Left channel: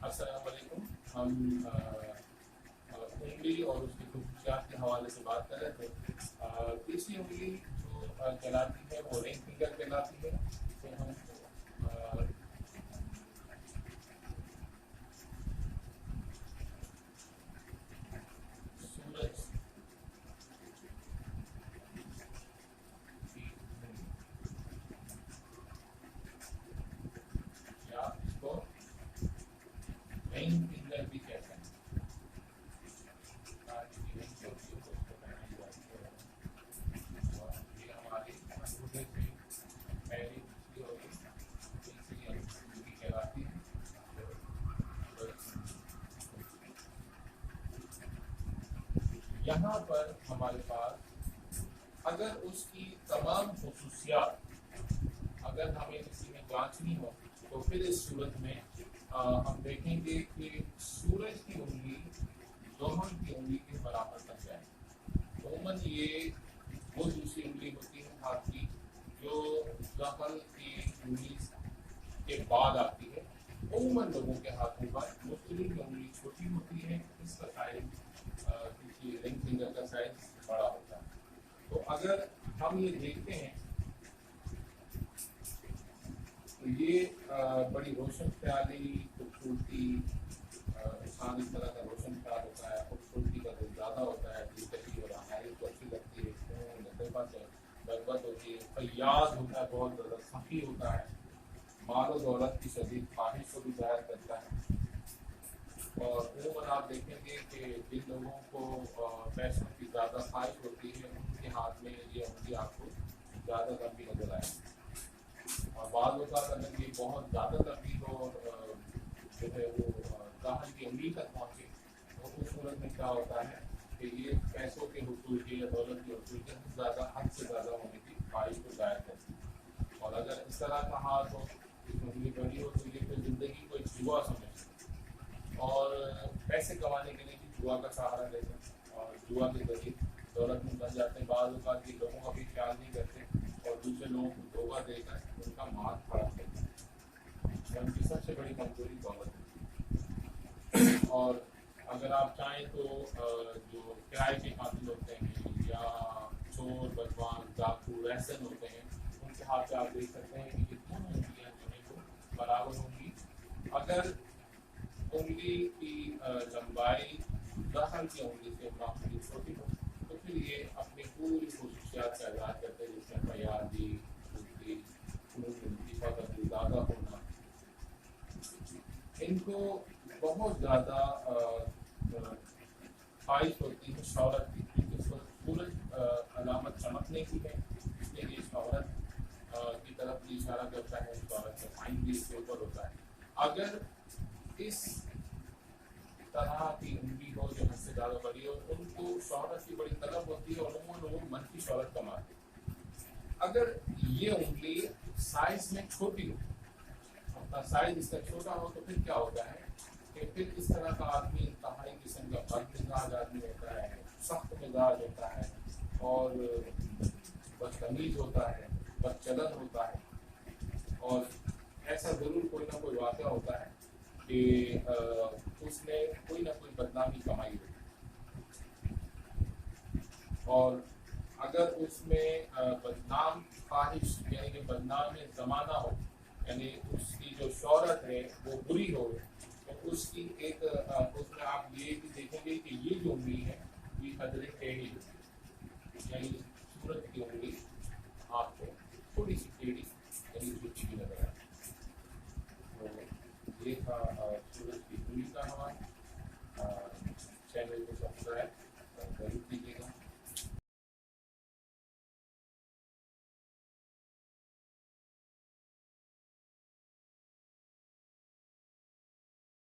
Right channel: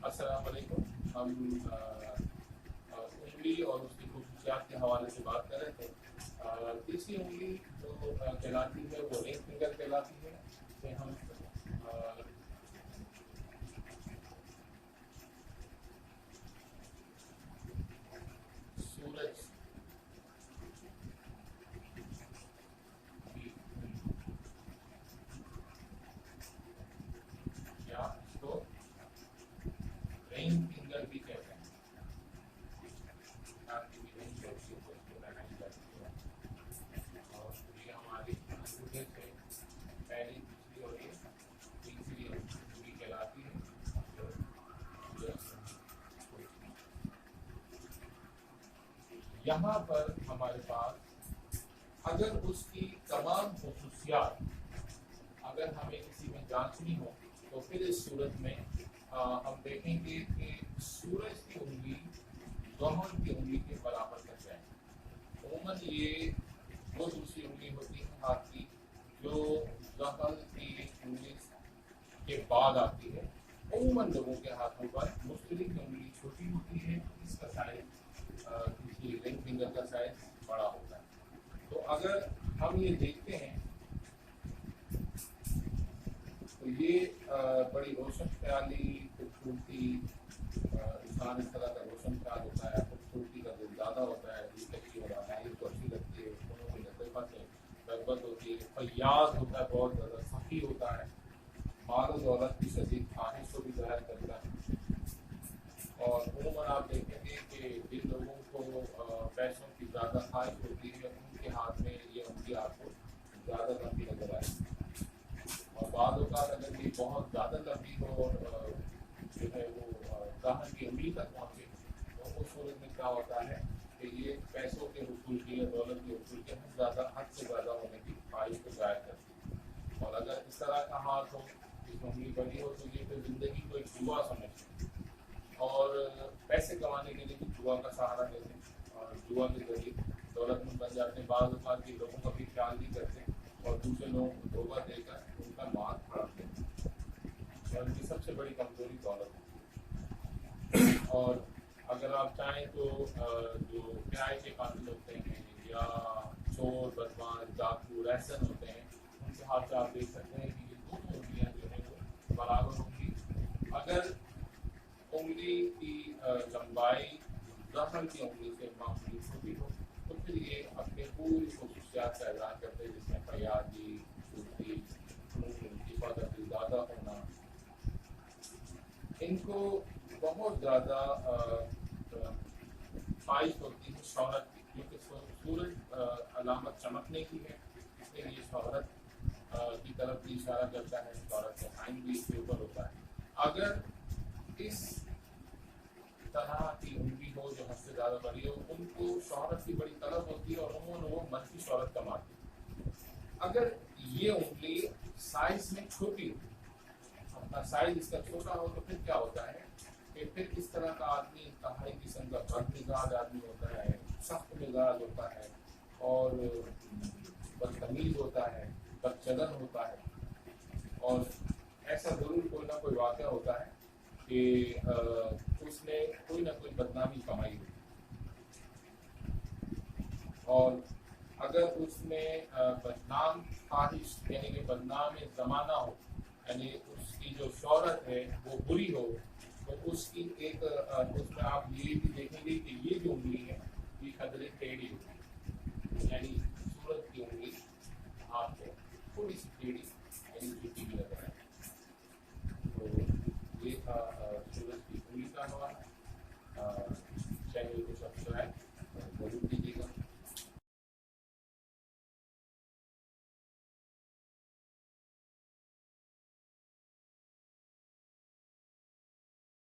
अस्सलाम वालेकुम। हम उंगली और उसकी खूबियात के हवाले से बात कर रहे थे। तीसरी उंगली जो कहलाती है वो रिंग फिंगर कहलाती है। इसे हम सूरज की या इसको रिंग फिंगर भी कहते हैं। रिंग जो होती है उसको पहनाई जाती है और ये हमारी अंगूठे से पहली दूसरी और ये तीसरी उंगली कहलाती है। यहाँ पर हमारे पास अगर उसकी तमाम खुसूसियात अगर हमें किसी में जांचनी हो तो फिर इस सूरत में हम देखेंगे कि सूरज की उंगली ज़ोहर की उंगली के बराबर तक जाए। उमूमन ये वो दूसरी उंगली होती है हाथ की जो ज़ोहर की उंगली के बाद आती है। उमूमन लोगों के हाथों पर मुश्तरी की उंगली छोटी होती है, इसका साइज किसी रिंग फिंगर का साइज बड़ा होता है। तो अगर हम ये देखते हैं तो ये बड़ी रोशन ख्याली खूबसूरती इंसान इस तरह का रोशन ख्याल होता है, खूबसूरती का दिल ज़्यादा होता है, दिलकशी और अमायश को अच्छी लगती है, लतीफ़ा से रग़बत होती है, फयाज होता है, बहुत ज़्यादा सखी होता है, माल और दौलत की शदीद ख्वाहिश को भी ज़ाहिर करता है। और उमूमन आप देखेंगे कि जिन लोगों को पैसों की ज़्यादा ख्वाहिश होती है उनके हाथ में ये उंगली आपको ज़्यादा लंबी नजर आएगी। और बाद औक़ात अगर ये बहुत ज़्यादा लंबी हो और जो है वो ज़ाहिर की उंगली तक पहुँचे तो उस सूरत में क्या होता है कि ये पैसों के हुसूल की या दौलत के हुसूल के ज़्यादा हद से ज़्यादा होने की ख्वाहिश को ज़ाहिर करती है। और अगर इस तरह का हाथ हो, इसमें उंगली बड़ी हो तो ये फिर ज़िंदगी को एक जुआ समझते हैं और पैसे कमाने के लिए भी जुआ का सहारा लेते हैं और जुआ के जरिए दौलतमंद बन जाते हैं। बाज़ औक़ात के लोगों का भी ख्याल नहीं करते और दूसरे लोगों को धोखा देकर उनका माल हड़प लेते हैं और उनकी सबसे बड़ी कमजोरी दौलत होती है। और अगर आप चाहें तो जो किराए के कातिल होते हैं या चोर बदमाश डाकू रहसन होते हैं उनके हाथ से आप देख सकते हैं कि ये दोनों उंगलियां जो है वो बराबर होंगी। अगर उंगली की लंबाई ज़ोहर की उंगली से मामूली छोटी हो तो फिर ये अपनी पूरी खुसूसियात का इज़हार करते हैं, जिसमें फयादी, खूबसूरती, लतीफ़ा का दिल ज़्यादा होना। इनको बहुत ज़्यादा ख्वाहिश होती है शोहरत की, क्योंकि सूरज अलामत चमकने की है, इसलिए ये शोहरत की तरफ भी इशारा करता है, शोहरत का साइन भी इसके ऊपर होता है। अगर इस तरह की उंगली हो जो हद से ज़्यादा बड़ी हो, उनको शोहरत की बड़ी तलब होती है और उन्होंने वो मनफी शोहरत कमाते हैं। अगर ये उंगली साइज में छोटी हो, अपना साइज इसका छोटा हो तो फिर क्या होता है कि फिर इस तरह का आदमी इंतहाई किस्म का बदमिजाज आदमी होता है, सख्त मिजाज होता है और बदतमीज होता है, बदचलन होता है। और ऐसा ज़रूर कोई ना कोई वाक़या होता है कि उसने कोई ना कोई बदनामी कमाई हो और अगर उसमें बदनाम ख्वाहिश यानी कि बदनाम ज़माना हो, यानी उसकी जो शोहरत है वो बुरी हो, तो उसकी एक उसमें आप ये भी देखेंगे कि ये जो उंगली है ये कदरे टेढ़ी होती है, यानी सूरज की उंगली हाथ को थोड़ी सी टेढ़ी